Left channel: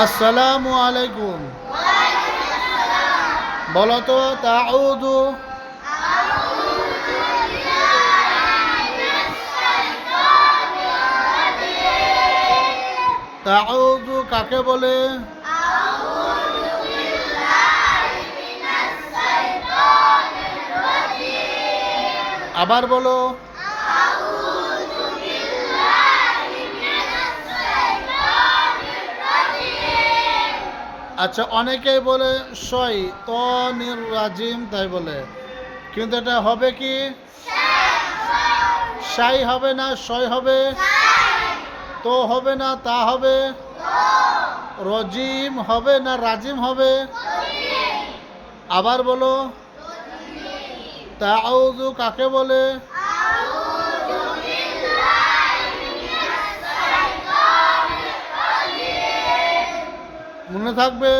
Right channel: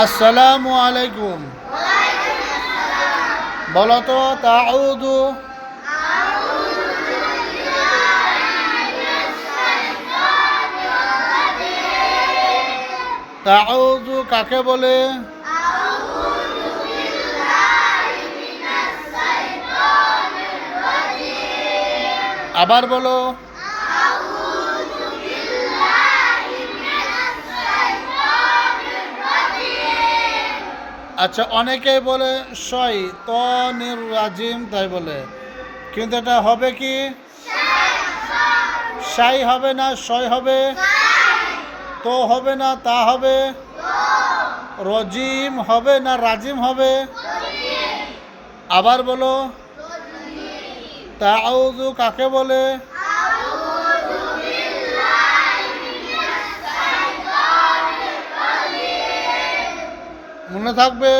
আসসালামু আলাইকুম। বলো তো তাউযু। তাউযু কাকে বলে? আবার বলো। আচ্ছা, অনেকেই বলে শয়তানির রাজিম, তাই বলে, কিন্তু এটা হবে কি? শাই হবে না শয় হবে? তো হবে না তা হবে? রজিম হবে না রাজিম হবে? আবার বলো। তাউযু কাকে বলে? মনে থাকবে।